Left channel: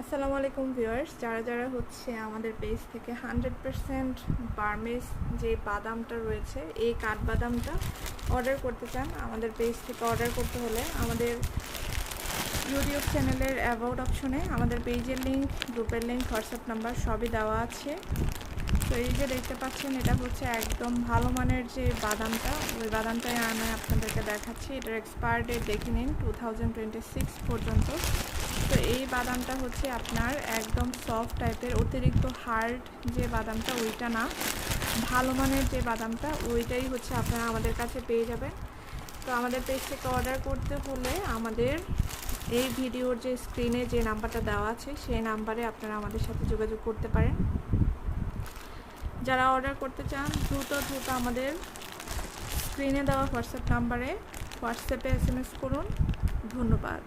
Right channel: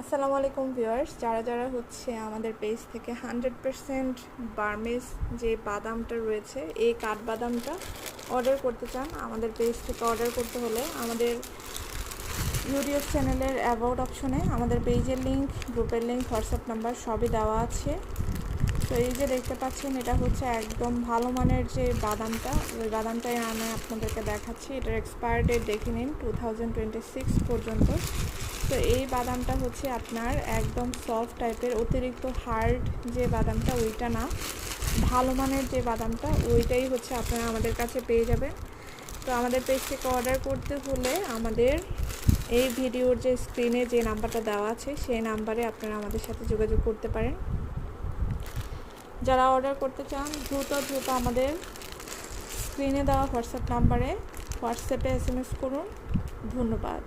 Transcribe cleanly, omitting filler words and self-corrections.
আসসালামু আলাইকুম ভিউয়ার্স, যারা হচ্ছে আমাদের পেজ থেকে 100% বার্মিজ যে বাদামটা রয়েছে, এই কাঠবাদামটা অর্ডার করতে চান, আমাদের পেজ থেকে অর্ডার করতে হলে আমাদের ইউটিউব চ্যানেলের অ্যাবাউট অপশনে আমাদের পেজের লিঙ্ক, গ্রুপের লিঙ্ক, হোয়াটসঅ্যাপ নাম্বার সবই দেওয়া আছে। তো এই যে দেখতে পাচ্ছেন, এটা হচ্ছে একদম ভালো মানের যে বাদামটা, ওই বাদামটাই আমি আপনাদেরকে দেখাচ্ছি। এটার এক্সপায়ার ডেট দেখে নিন 2026 পর্যন্ত। তো এই বাদামটা হচ্ছে আপনার একদম সফট টাইপের, অতিরিক্ত হার্ড যে বাদামটা ওইটা না, ভালো মানের যে বাদামটা ওইটাই হচ্ছে আপনারা আমাদের কাছে পেয়ে যাবেন। তো আমাদের পেজ থেকে অর্ডার করতে হলে আমাদের এই ভিডিওর যে স্ক্রিনে যে নাম্বারটা দেওয়া আছে সেই নাম্বারে আপনারা আমাদের সাথে যোগাযোগ করতে পারেন। যারা অর্ডার করতে চান দ্রুত আমাদের স্ক্রিনে দেওয়া হোয়াটসঅ্যাপ নাম্বারে হোয়াটসঅ্যাপে SMS করুন। ধন্যবাদ।